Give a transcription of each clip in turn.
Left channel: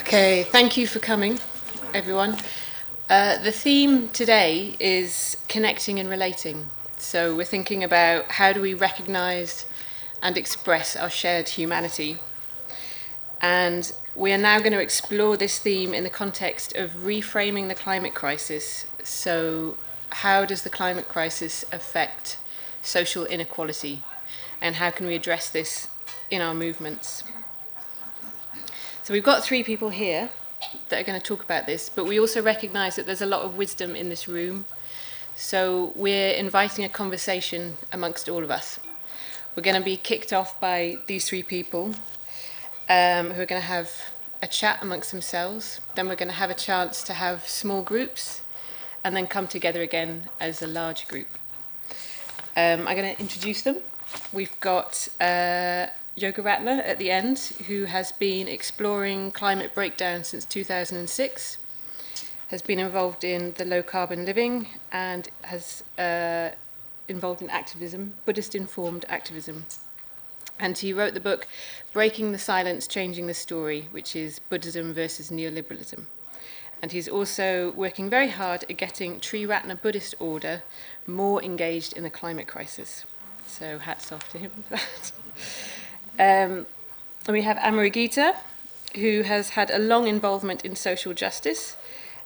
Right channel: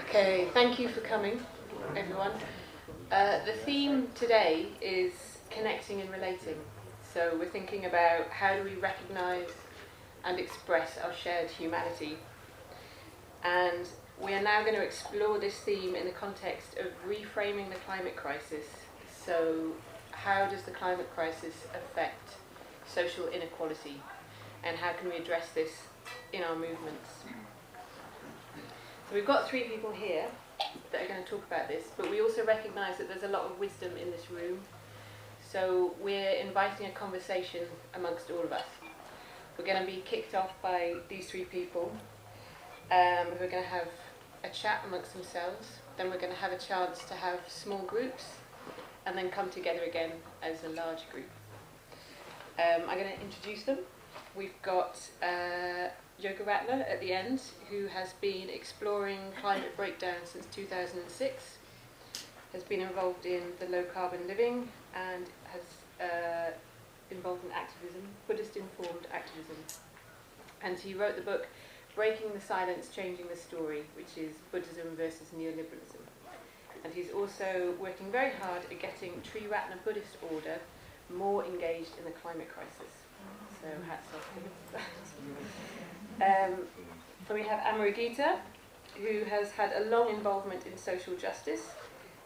Okay, thank you for coming, everyone. The theme today is connecting and relating. So we're thinking about how do we recognise and express our shared humanity. And we are now going to explore this theme in the context of reframing the climate crisis. So how does the climate crisis affect social inequality? And how can we address this in our movements? So we've got three people here that are going to talk about this, but we also recognise that there's a lot of wisdom in this room. So we're inviting a conversation amongst all of us. We're going to be kicked off by these three people who are going to have a chat amongst themselves. Then we're going to have a chance to have small groups and then come together again as a large group. I'm going to introduce them. We've got Yoga Ratner at the end, who has been exploring climate breakdown since 2006, has been involved in the low carbon living and has involved in activism, Buddhist informed activism. And he wrote the book Breaking the Silence, Changing the Story, which is Buddhism versus Neoliberalism. And he's also working very hard at getting Triratna Buddhist order more engaged in the climate crisis. So hats off to him for that. And we have Amaragita, who has had a long involvement in social justice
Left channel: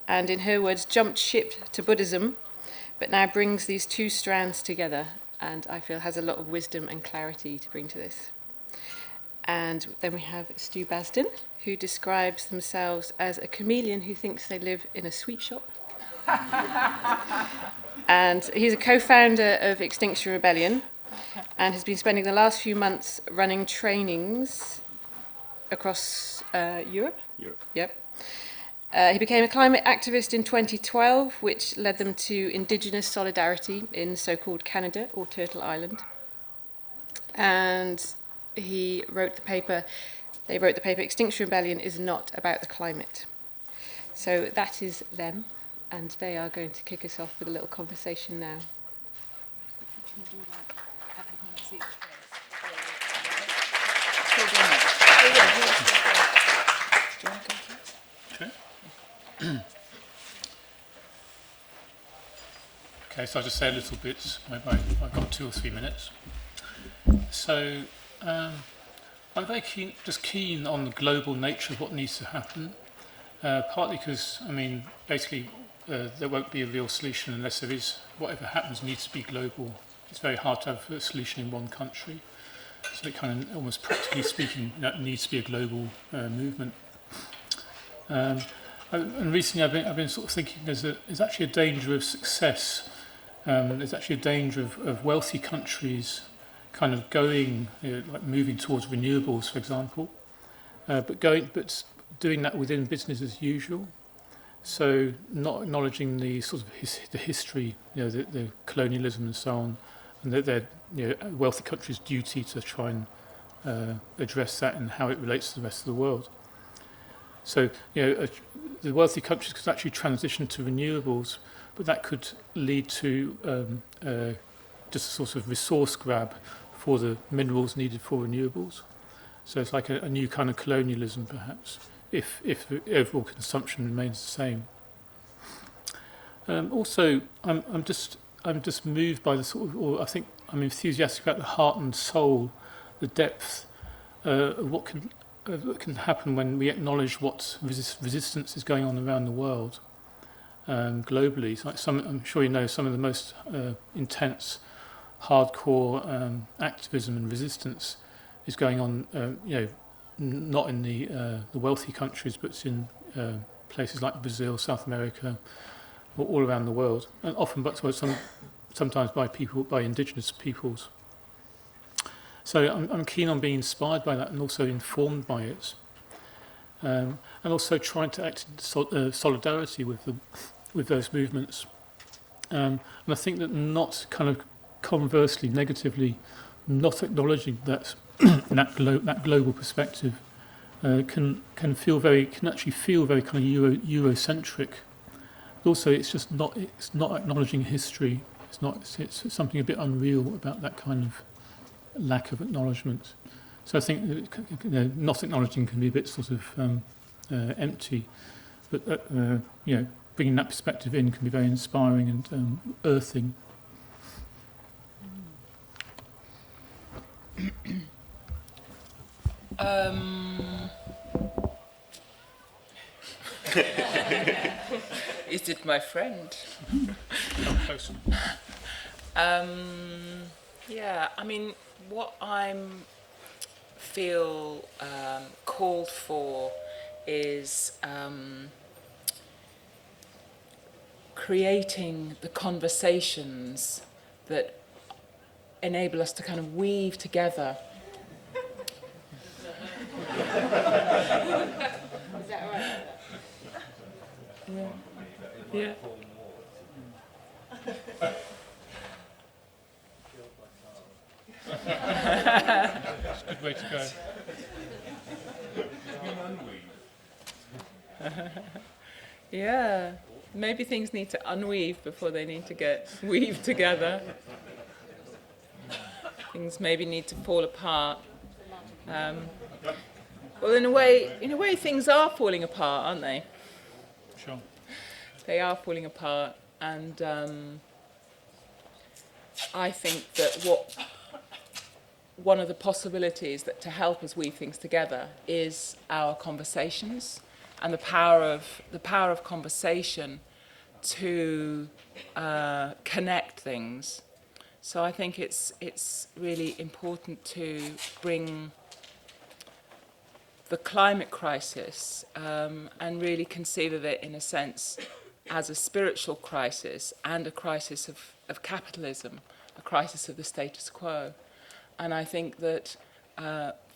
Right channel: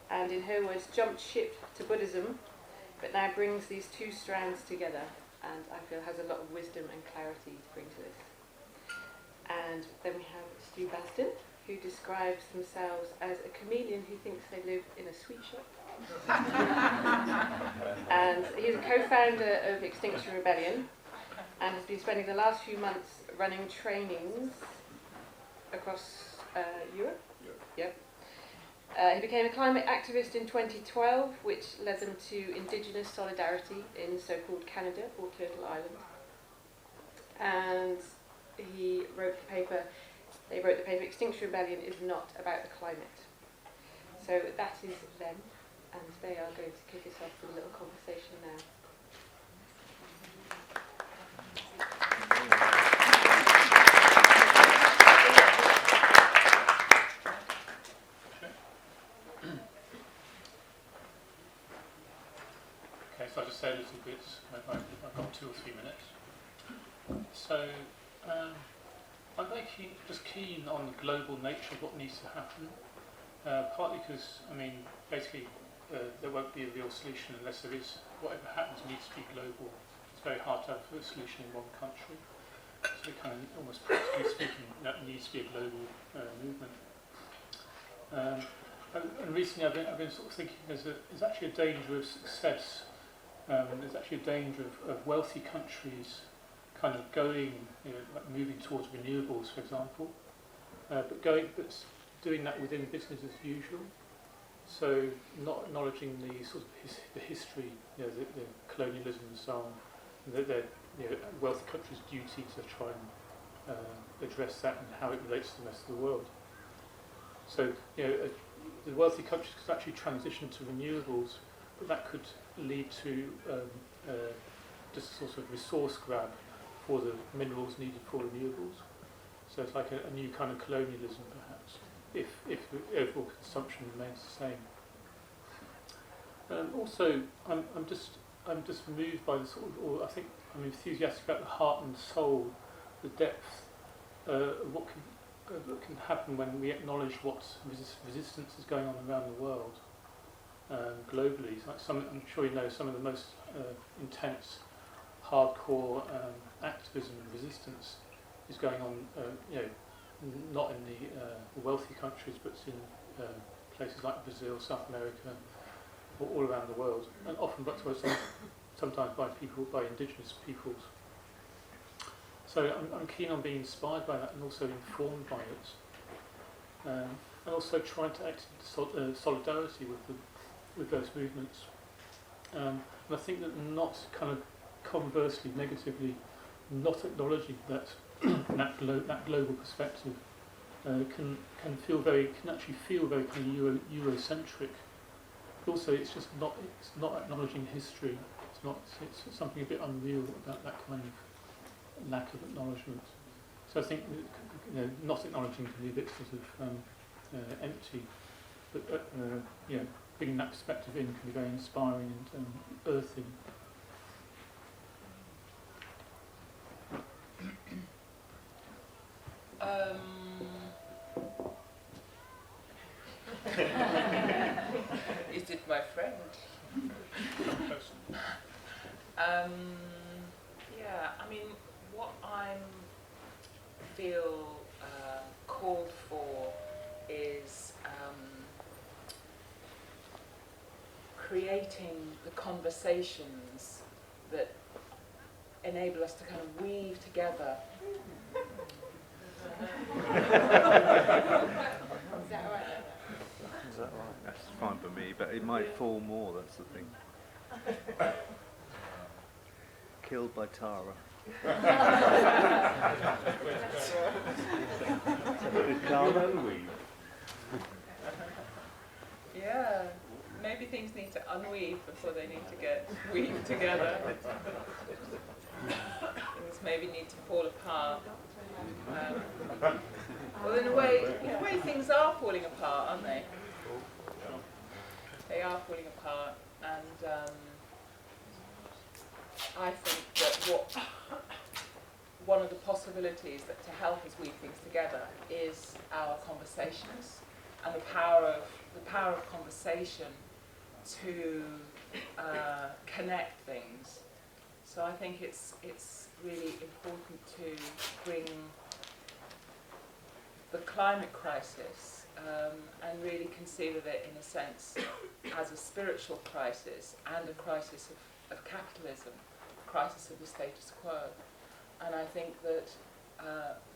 and, in her words, jumped ship to Buddhism, but now brings these two strands together and I feel has a lot of wisdom and clarity to bring to this. And then we have Stu Basden, who describes themselves as a chameleon who thinks they live in a sweet shop. And he's a co-founder of Extinction Rebellion, and has been spending the last few months running trainings across Europe. Yep. He became a climate activist in 2012, which led them to Indigenous solidarity in so-called Canada, or Turtle Island. And they wrote the paper, Extinction Rebellion is not about the climate. So that is them, and they are going to kick us off with a little conversation now. Okay, so I'll just say a little bit. I've got 2 or 3 minutes. So I'm very keen on the global nature of what needs to happen. Partly because, basically there won't be a real solution unless there is, whatever happens needs to be global. It's very hard to have a solution in one country. So it kind of, almost practically speaking, that needs to be a global movement. And recently I've been sort of thinking there's actually a danger of success. There's actually a danger of wealthy countries kind of going, like moving towards renewables, for example, but doing that within business as usual. So not acknowledging the sort of the history, the colonialism and so on, and that they're wealthy countries' duty to try and address that and how it relates to the rest of the world. So the wealthy countries could actually transition to renewables, but that could lead to just a sort of resource grab for the minerals needed for renewables. So it's like a new kind of colonialism, perhaps, if the overall consumption remains the same. Also, I'm just moved by the sort of, or I think I'm enthusiastic about the heart and soul, the depth of what can happen when we acknowledge what resistance is going on around the world. Globally, so I'm sure you know some of the most intense, hardcore activism and resistance is going on. Not in the wealthy countries, but in places like Brazil, South America, or all around the world, and often, sometimes by indigenous peoples. So I'm keen on being inspired by that and also informed by it, and also trying to act in solidarity with those movements. And I think that not kind of conversely, negatively, not acknowledging that that global perspective can actually feel very kind of Eurocentric. But also, it's not acknowledging history. It's something a bit unreal about that kind of lack of acknowledgement. So I think that, not acknowledging can be a bit sort of empty. But bringing that perspective in can be very inspiring and earthing. Is it my friend? Yeah, I mean, what I feel called for is creating the conversations that enable us to kind of weave together. That's fine for me, but it might fall more, that's the thing. Killed by Tara. That's a good way to go. Yeah, maybe things need to unweave before they need to get weaved together. Things maybe need to fall apart. Well, in a way, things are falling apart, aren't they? Sure. They are falling apart, and I think that one of the possibilities that to help us weave things together is our conversations, and the power of conversation to connect things. So I think it's really important to bring the climate crisis and really conceive of it in a sense as a spiritual crisis and a crisis of capitalism, a crisis of the status quo. And I think that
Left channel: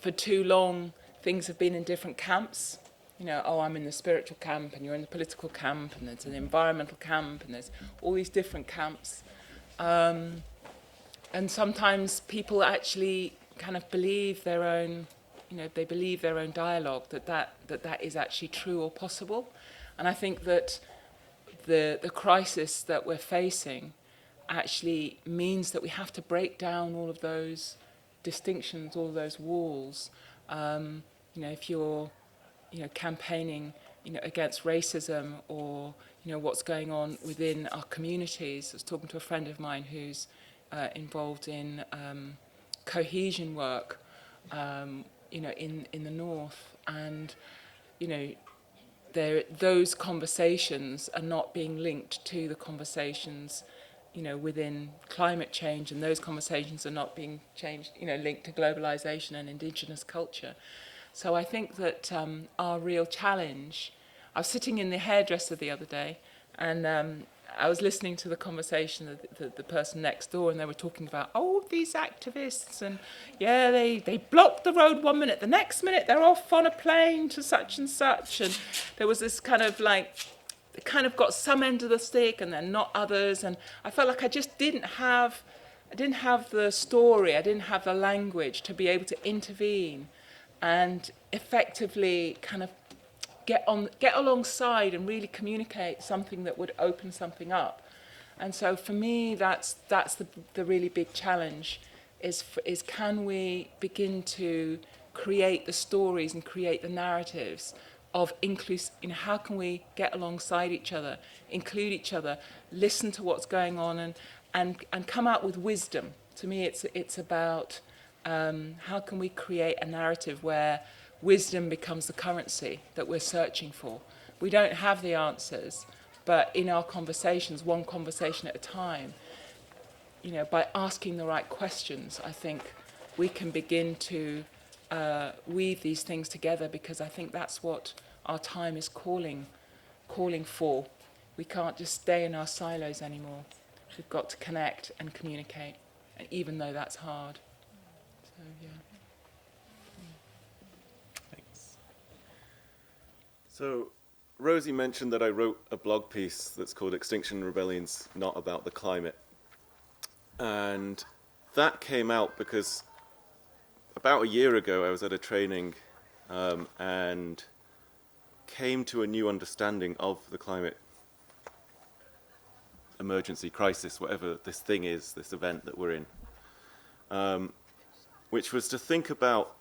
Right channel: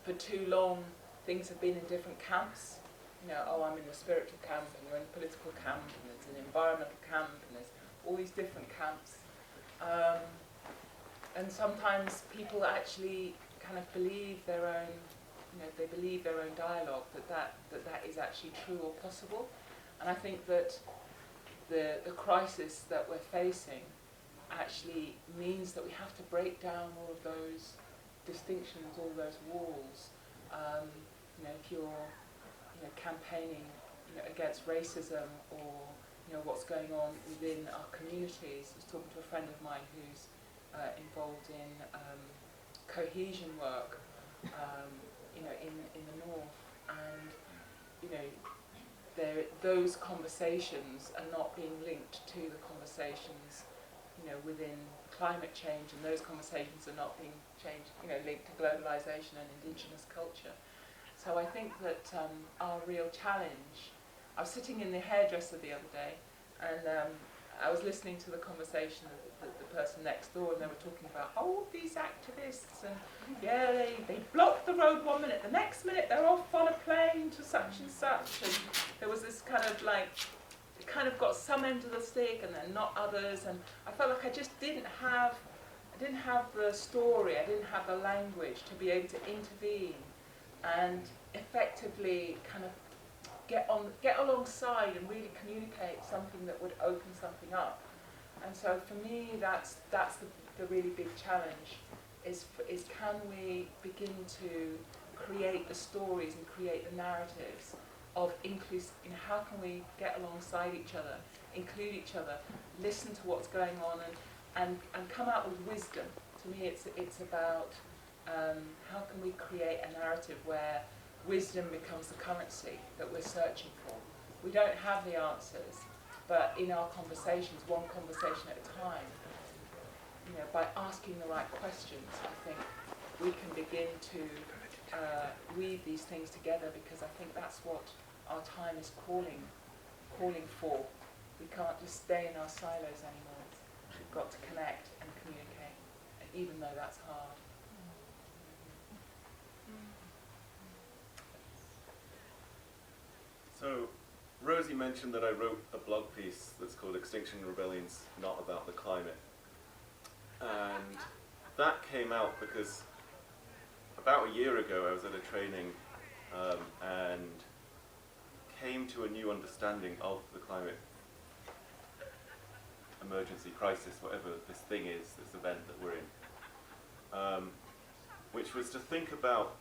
for too long things have been in different camps. You know, I'm in the spiritual camp and you're in the political camp and there's an environmental camp and there's all these different camps. And sometimes people actually kind of believe their own, they believe their own dialogue, that is actually true or possible. And I think that the crisis that we're facing actually means that we have to break down all of those distinctions, all of those walls. If you're, campaigning, against racism or, what's going on within our communities. I was talking to a friend of mine who's involved in cohesion work, in the north, and those conversations are not being linked to the conversations, within climate change, and those conversations are not being linked to globalization and indigenous culture. So I think that our real challenge. I was sitting in the hairdresser the other day, and I was listening to the conversation of the person next door, and they were talking about, these activists, and they blocked the road 1 minute, the next minute they're off on a plane to such and such, and there was this kind of they kind of got some end of the stick and then not others, and I felt like I just didn't have the story, I didn't have the language to be able to intervene and effectively kind of get alongside and really communicate something that would open something up. And so for me, that's the really big challenge, is can we begin to create the stories and create the narratives of how can we get alongside each other, include each other, listen to what's going on, and come out with wisdom. To me, it's about how can we create a narrative where wisdom becomes the currency that we're searching for. We don't have the answers, but in our conversations, one conversation at a time, by asking the right questions, I think we can begin to weave these things together, because I think that's what our time is calling for. We can't just stay in our silos anymore. We've got to connect and communicate, and even though that's hard. So Rosie mentioned that I wrote a blog piece that's called Extinction Rebellions, Not About the Climate. And that came out because about a year ago I was at a training and came to a new understanding of the climate emergency crisis, whatever this thing is, this event that we're in, which was to think about,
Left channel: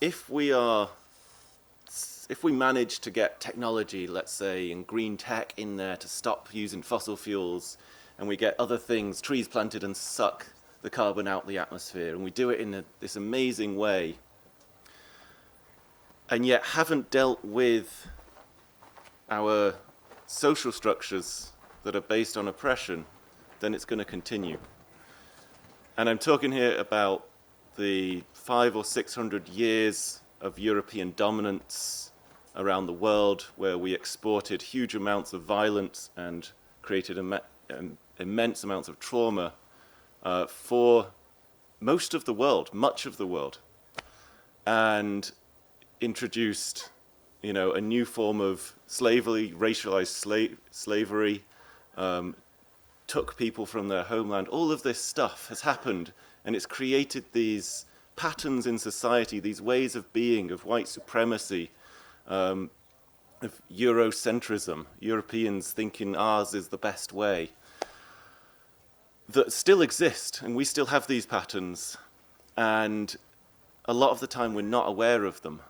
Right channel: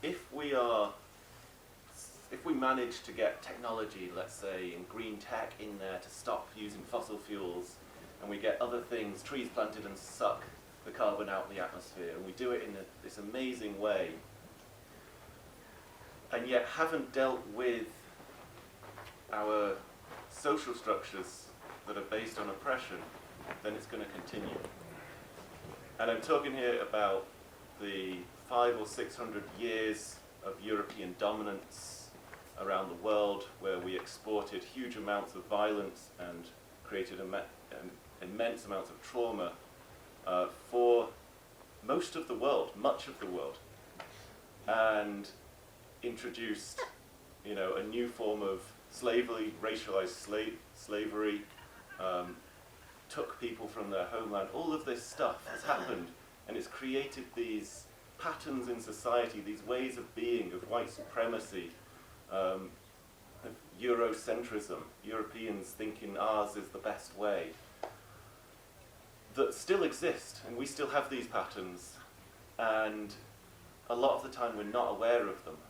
if we are if we manage to get technology, let's say, and green tech in there to stop using fossil fuels, and we get other things, trees planted and suck the carbon out of the atmosphere, and we do it in this amazing way, and yet haven't dealt with our social structures that are based on oppression, then it's going to continue. And I'm talking here about the 500 or 600 years of European dominance around the world, where we exported huge amounts of violence and created immense amounts of trauma for most of the world, much of the world, and introduced, a new form of slavery, racialized slavery, took people from their homeland. All of this stuff has happened, and it's created these patterns in society, these ways of being, of white supremacy, of Eurocentrism, Europeans thinking ours is the best way, that still exist, and we still have these patterns, and a lot of the time we're not aware of them.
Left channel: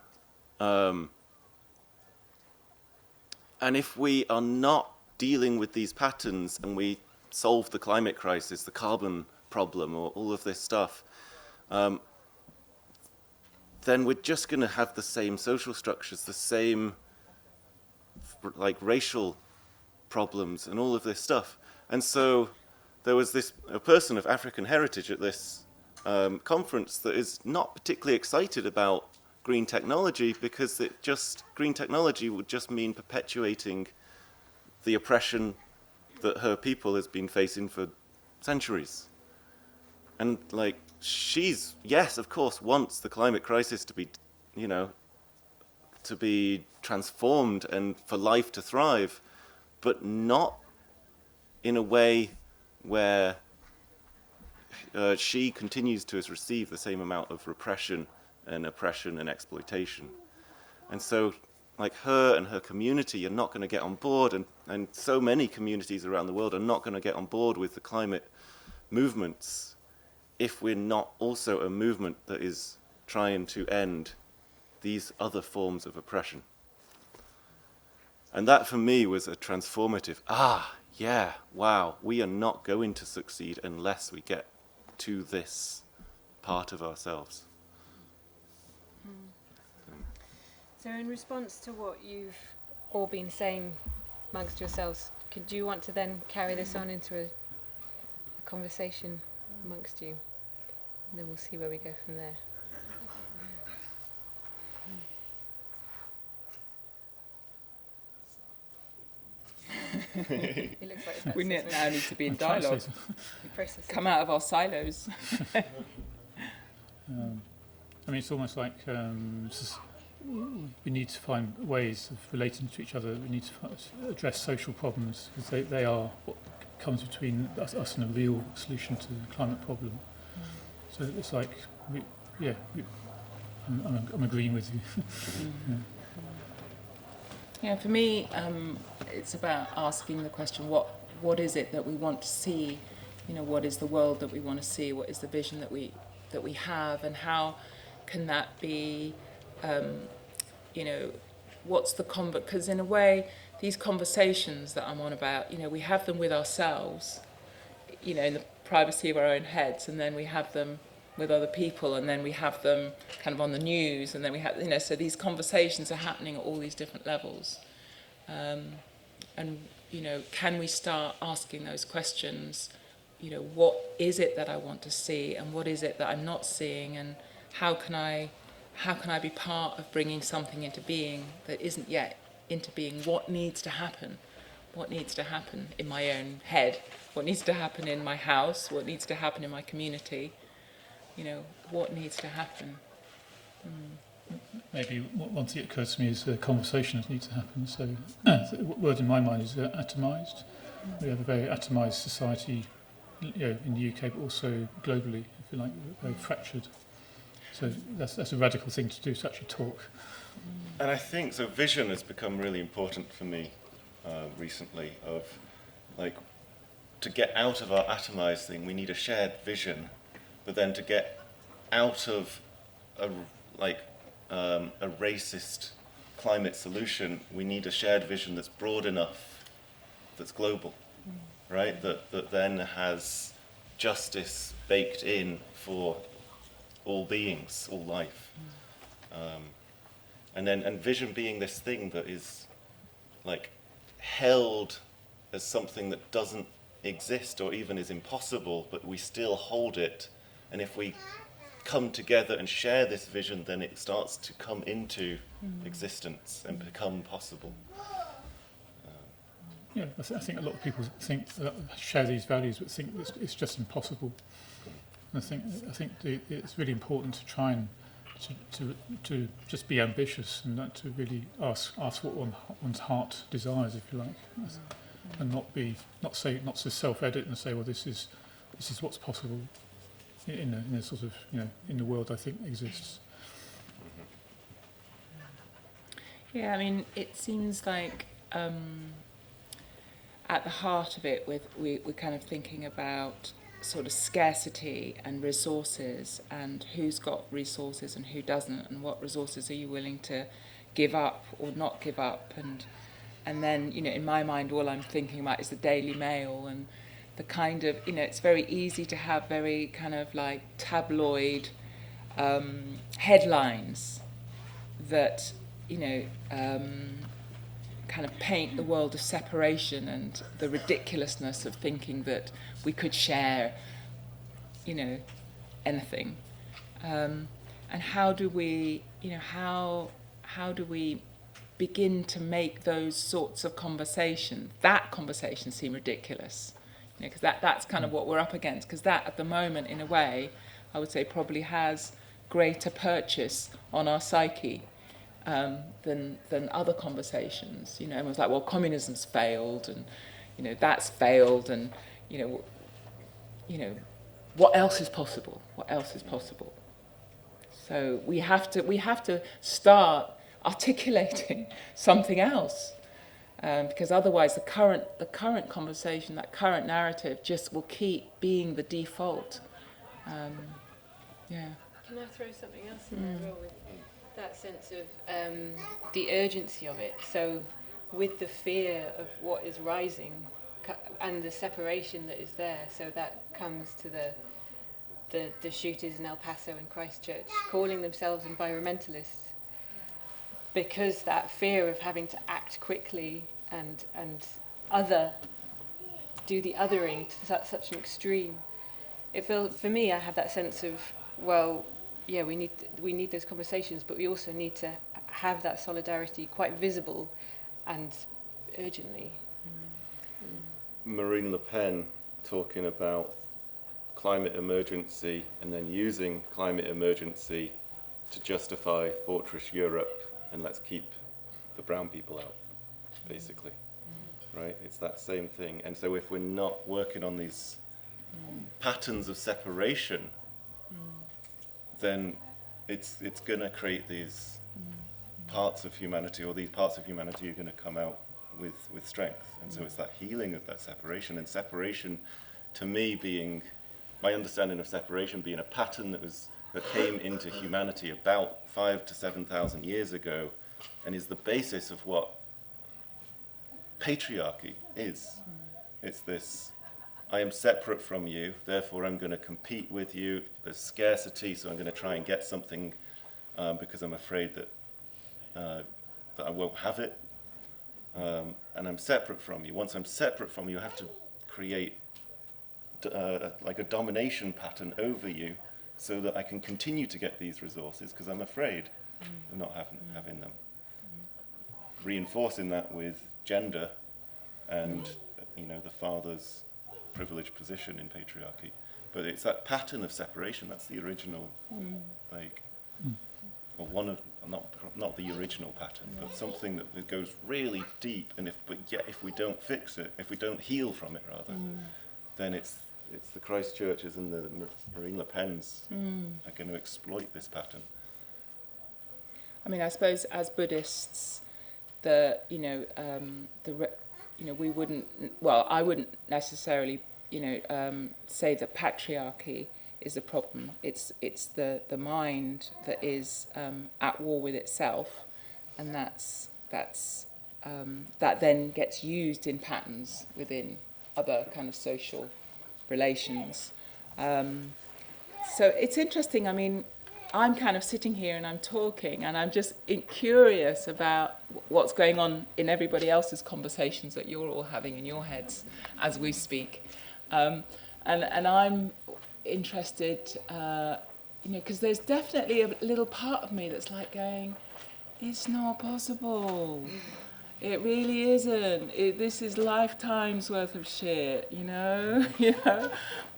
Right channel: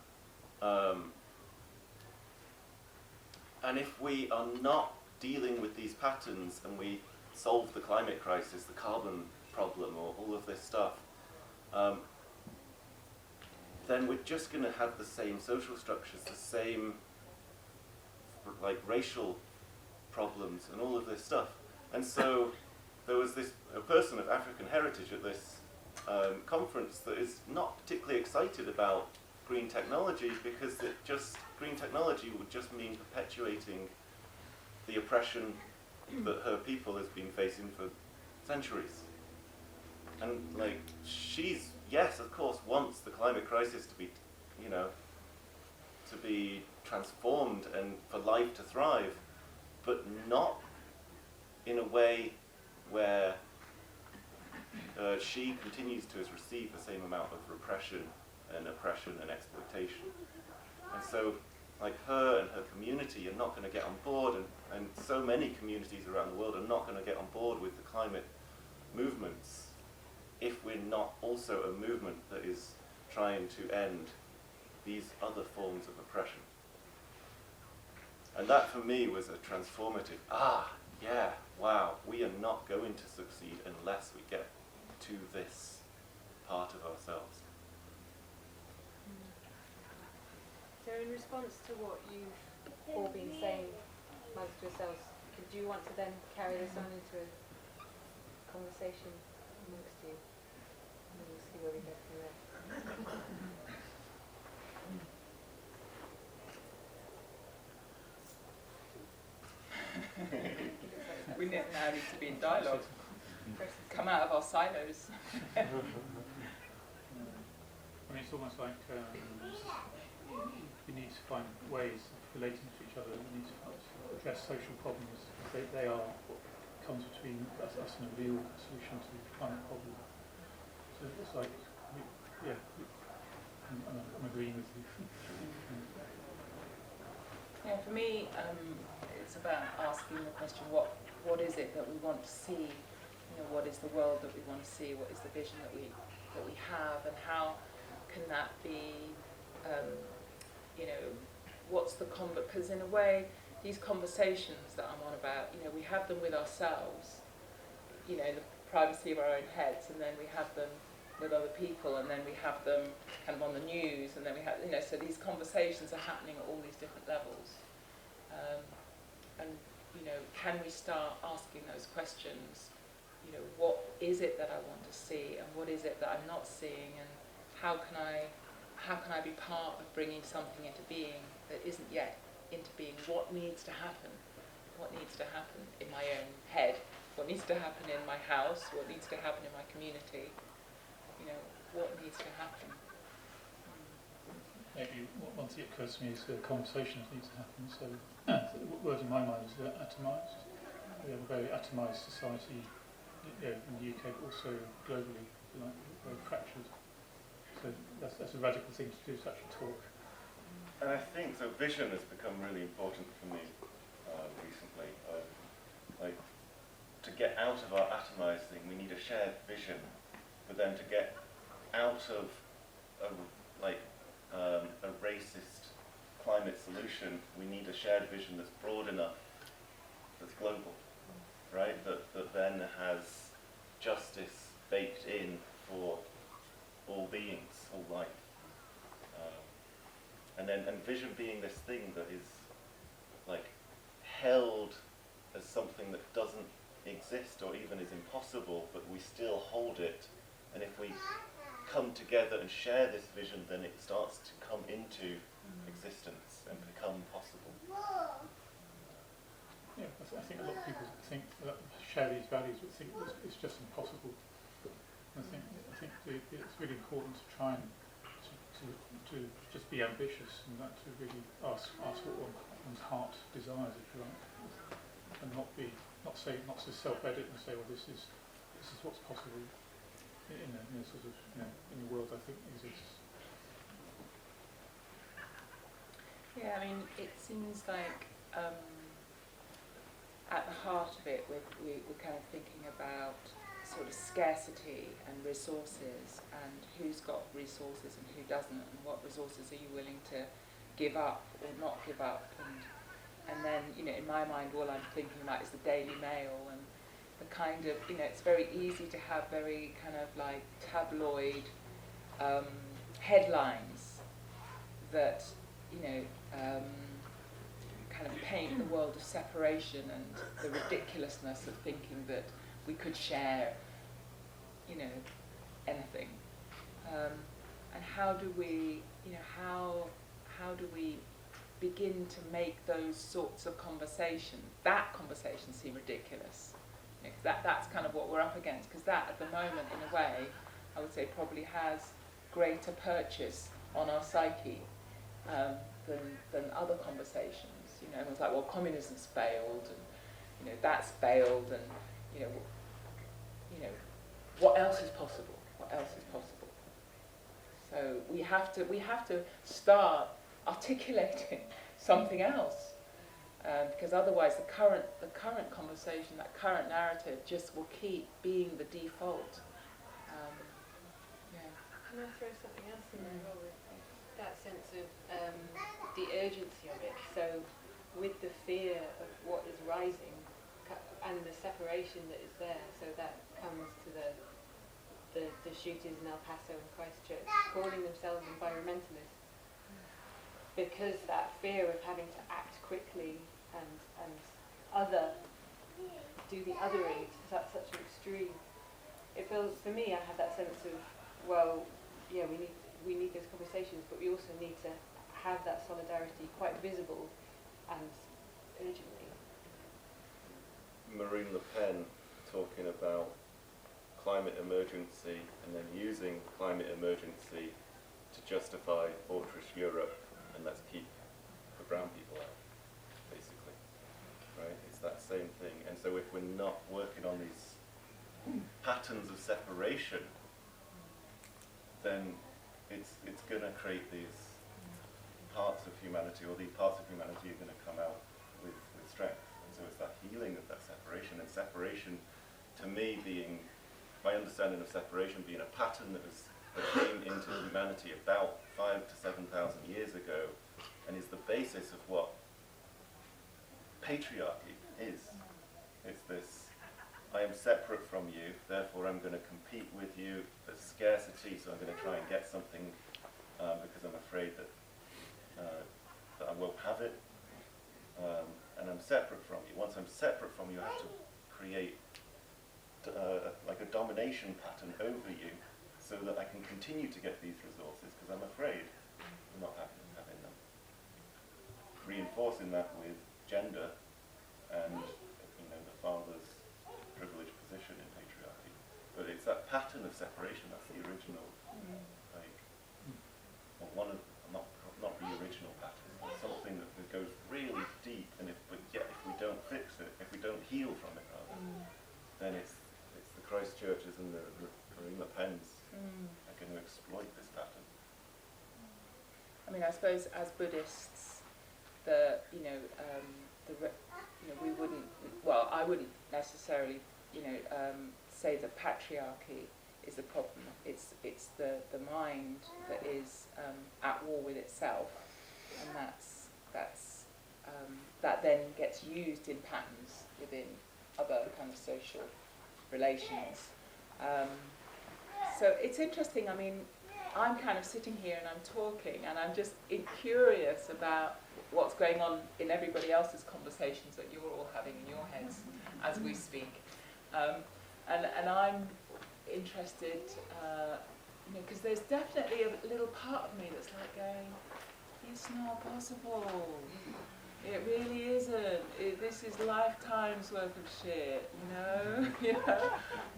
And if we are not dealing with these patterns and we solve the climate crisis, the carbon problem, or all of this stuff, then we're just going to have the same social structures, the same racial problems and all of this stuff. And so there was a person of African heritage at this conference that is not particularly excited about green technology, because green technology would just mean perpetuating the oppression that her people has been facing for centuries. And she's, yes, of course, wants the climate crisis to be, to be transformed and for life to thrive, but not in a way where she continues to receive the same amount of repression and oppression and exploitation. And so her and her community are not going to get on board, and so many communities around the world are not going to get on board with the climate movements if we're not also a movement that is trying to end these other forms of oppression. And that for me was a transformative, yeah, wow, we are not going to succeed unless we get to this part of ourselves. So in response to what you've all been saying amongst yourselves, do you want to then carry this on into a conversation amongst you? And then we'll see where we go from there. It looks like We now need to be in dialogue. Come out of our silos. It's almost like we need to find ways of relating to each other. We need to address social problems, because they are what comes between us and a real solution to the climate problem. So it's like, I'm agreeing with you. Yeah, for me, it's about asking the question: what is it that we want to see? What is the world that we want to see? What is the vision that we have, and how can that be? What's the because in a way, these conversations that I'm on about, we have them with ourselves, in the privacy of our own heads, and then we have them with other people, and then we have them kind of on the news, and then we have, so these conversations are happening at all these different levels. Can we start asking those questions? What is it that I want to see, and what is it that I'm not seeing, and how can I be part of bringing something into being that isn't yet into being? What needs to happen? What needs to happen in my own head? What needs to happen in my house? What needs to happen in my community? What needs to happen? Maybe one thing that occurs to me is conversations need to happen. So the word in my mind is atomised. We have a very atomised society, in the UK, but also globally. I feel like we're fractured. So that's a radical thing to do, to actually talk. And I think vision has become really important for me recently. Of to get out of our atomised thing, we need a shared vision. But then to get out of a racist climate solution, we need a shared vision that's broad enough, that's global, right? That then has justice baked in for all beings, all life. And vision being this thing that is like held as something that doesn't exist or even is impossible, but we still hold it. And if we come together and share this vision, then it starts to come into existence and become possible. Yeah, I think a lot of people think that share these values, but think it's just impossible. And I think it's really important to try and to just be ambitious and not to really ask what one's heart desires, if you like, and not so self-edit and say, well, this is what's possible in a sort of, in the world I think exists. Yeah, I mean, it seems like at the heart of it, we're kind of thinking about sort of scarcity and resources and who's got resources and who doesn't, and what resources are you willing to give up or not give up, and then, in my mind, all I'm thinking about is the Daily Mail and the kind of, it's very easy to have very kind of like tabloid headlines that, kind of paint the world of separation and the ridiculousness of thinking that we could share, anything. And how do we, how do we begin to make those sorts of that conversation seem ridiculous? Because that's kind of what we're up against, because that at the moment, in a way, I would say probably has greater purchase on our psyche than other conversations. Everyone's like, well, communism's failed, and that's failed, and what else is possible? What else is possible? So we have to start articulating something else, because otherwise the current conversation, that current narrative, just will keep being the default. Yeah. Can I throw something else in there as well, with that sense of the urgency of it? So with the fear of what is rising and the separation that is there, so that comes to the shooters in El Paso and Christchurch calling themselves environmentalists, because that fear of having to act quickly and do the othering to such an extreme. It feels, for me, I have that sense of, well, yeah, we need those conversations, but we also need to have that solidarity quite visible and urgently. Marine Le Pen talking about climate emergency and then using climate emergency to justify Fortress Europe and let's keep the brown people out, basically. Right? It's that same thing. And so if we're not working on these patterns of separation, then it's going to create these parts of humanity, or these parts of humanity are going to come out with strength. And so it's that healing of that separation, and separation, to me, being, my understanding of separation being a pattern that came into humanity about 5,000 to 7,000 years ago, and is the basis of what patriarchy is. It's this, I am separate from you, therefore I'm going to compete with you. There's scarcity, so I'm going to try and get something because I'm afraid that I won't have it. And I'm separate from you. Once I'm separate from you, I have to create like a domination pattern over you so that I can continue to get these resources because I'm afraid of not having them. Reinforcing that with gender and the father's privileged position in patriarchy. But it's that pattern of separation, that's the original, or one of, not the original pattern, but something that goes really deep, and if we don't fix it, if we don't heal from it rather, then it's the Christchurches and the Marine Le Pens are going to exploit this pattern. I mean, I suppose as Buddhists, we wouldn't. Well, I wouldn't necessarily, say that patriarchy is the problem. It's the mind that is at war with itself, that then gets used in patterns within other kind of social relations. So it's interesting. I mean, I'm kind of sitting here and I'm talking, and I'm just curious about what's going on in everybody else's conversations that you're all having in your heads as we speak. And I'm interested, because there's definitely a little part of me that's like going, it's not possible. It really isn't. This is lifetimes worth of shit, you know?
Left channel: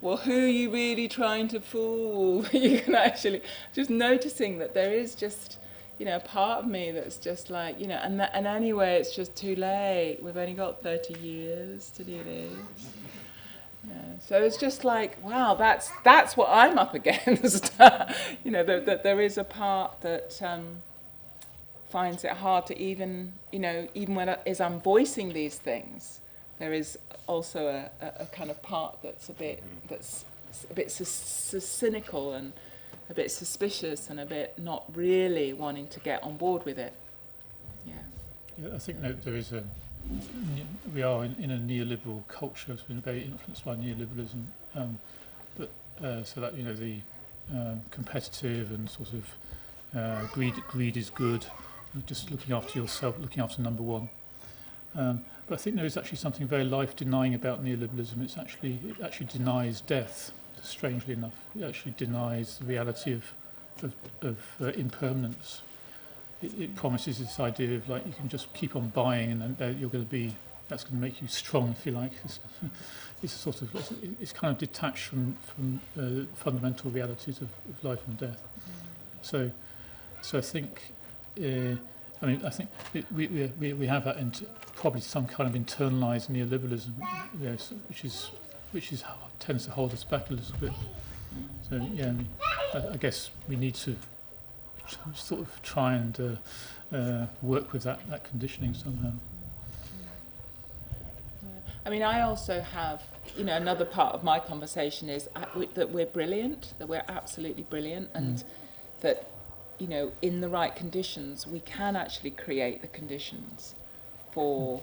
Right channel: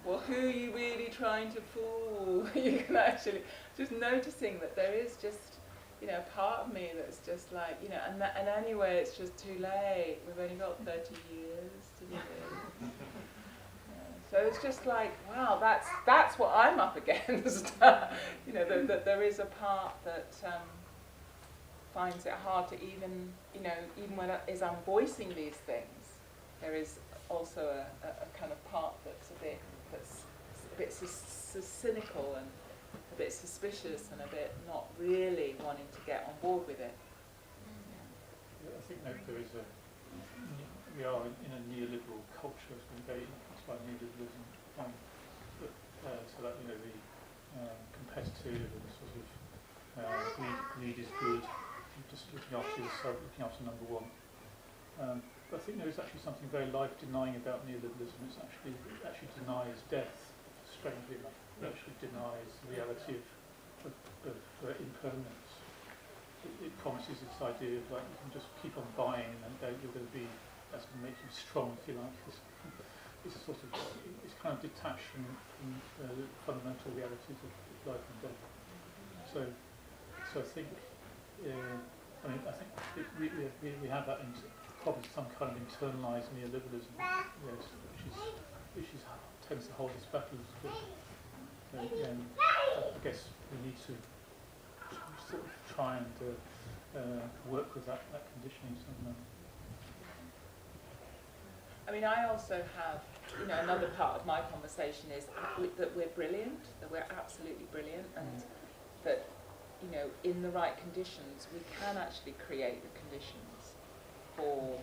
Well, who are you really trying to fool? You can actually just noticing that there is just, a part of me that's just like, and anyway, it's just too late. We've only got 30 years to do this. So it's just like, wow, that's what I'm up against. That there is a part that finds it hard to even when as I'm voicing these things, there is also a kind of part that's a bit cynical and a bit suspicious and a bit not really wanting to get on board with it. Yeah, I think that there is we are in a neoliberal culture. It's been very influenced by neoliberalism, so that the competitive and sort of greed is good. Just looking after yourself, looking after number one. But I think there is actually something very life-denying about neoliberalism. It actually denies death. Strangely enough, it actually denies the reality of impermanence. It promises this idea of like you can just keep on buying, and you're going to be. That's going to make you strong, if you like. It's kind of detached from fundamental realities of life and death. So I think. I think we have that probably some kind of internalized neoliberalism, yes, which tends to hold us back a little bit. So yeah, I guess we need to sort of try and work with that conditioning somehow. I mean, I also have, another part of my conversation is that we're brilliant, that we're absolutely brilliant, and that, in the right conditions, we can actually create the conditions for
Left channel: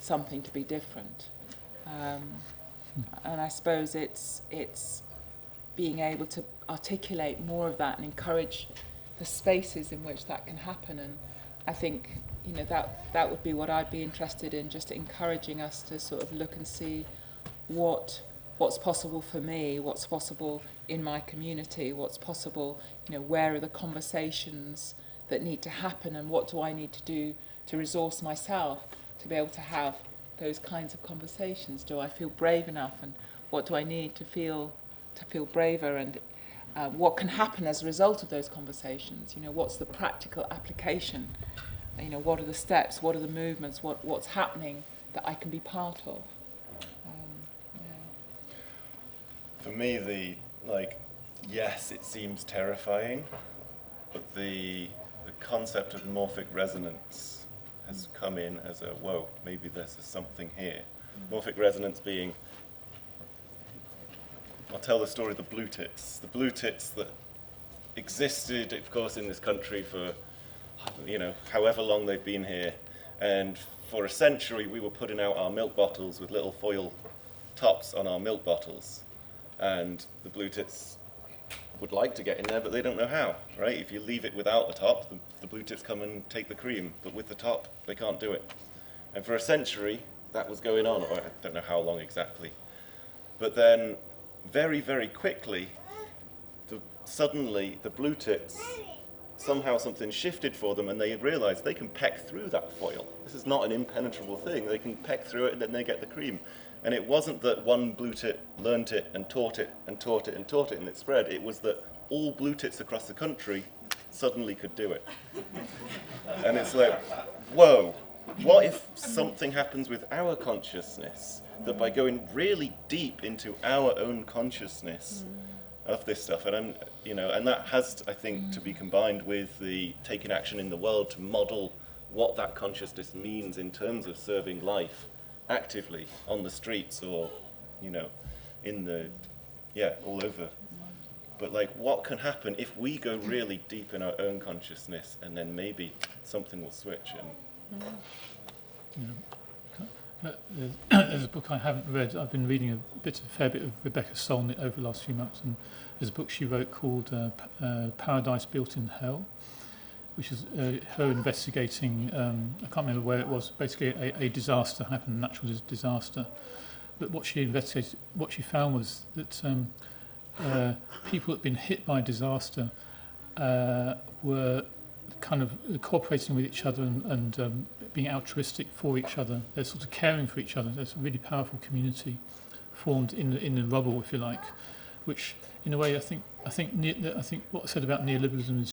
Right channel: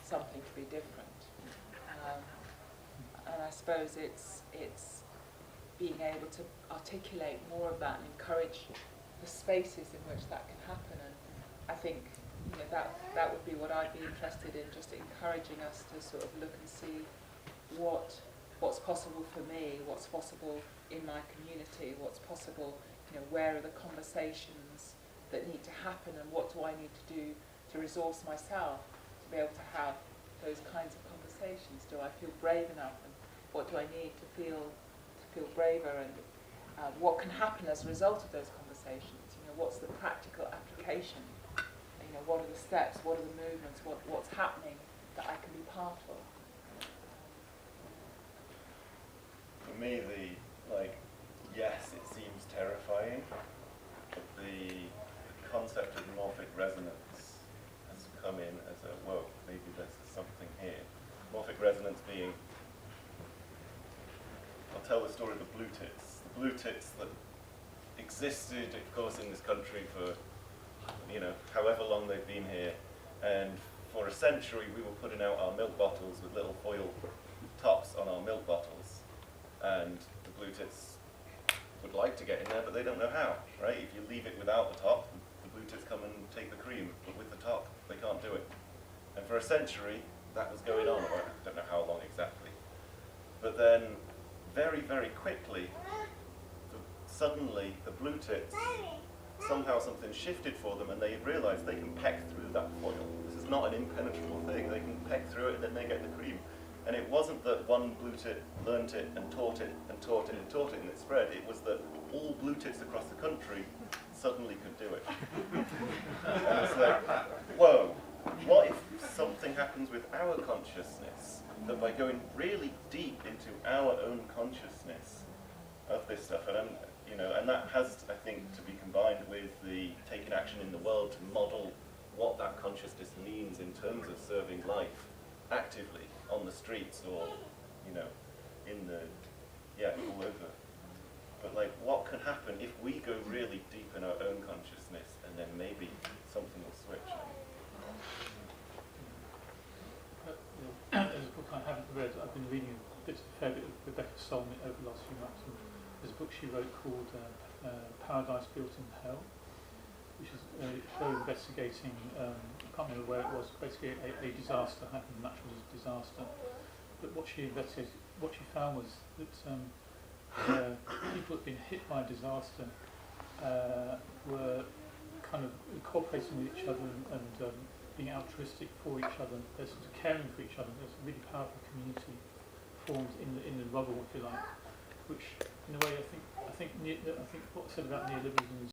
something to be different. And I suppose it's being able to articulate more of that and encourage the spaces in which that can happen. And I think, that would be what I'd be interested in, just encouraging us to sort of look and see what's possible for me, what's possible in my community, what's possible, where are the conversations that need to happen, and what do I need to do to resource myself to be able to have those kinds of conversations? Do I feel brave enough, and what do I need to feel braver, and what can happen as a result of those conversations? What's the practical application? What are the steps? What are the movements? What's happening that I can be part of? For me, yes, it seems terrifying, but the concept of morphic resonance has come in as a, whoa, maybe there's something here. Morphic resonance being, I'll tell the story of the blue tits. The blue tits that existed, of course, in this country for, however long they've been here. And for a century, we were putting out our milk bottles with little foil tops on our milk bottles. And the blue tits would like to get in there, but they don't know how, right? If you leave it without the top, the blue tits come and take the cream, but with the top, they can't do it. And for a century, that was going on, or I don't know how long exactly. But then, very, very quickly, suddenly the blue tits, somehow something shifted for them, and they realized they can peck through that foil. This is not an impenetrable thing. They can peck through it, and then they get the cream. And it wasn't that one blue tit learnt it and taught it and taught it and taught it and it spread. It was that all blue tits across the country suddenly could do it. And it's like, whoa, what if something happens with our consciousness? That by going really deep into our own consciousness of this stuff, and that has, I think, to be combined with the taking action in the world to model what that consciousness means in terms of serving life actively on the streets or, in the, all over. but like what can happen if we go really deep in our own consciousness, and then maybe something will switch. There's a book I haven't read. I've been reading a fair bit of Rebecca Solnit over the last few months, and there's a book she wrote called Paradise Built in Hell, which is her investigating, I can't remember where it was, basically a disaster happened, a natural disaster. But what she investigated, what she found was that people that had been hit by disaster were kind of cooperating with each other and being altruistic for each other. They're sort of caring for each other. There's a really powerful community formed in the rubble, if you like, which in a way I think what I said about neoliberalism is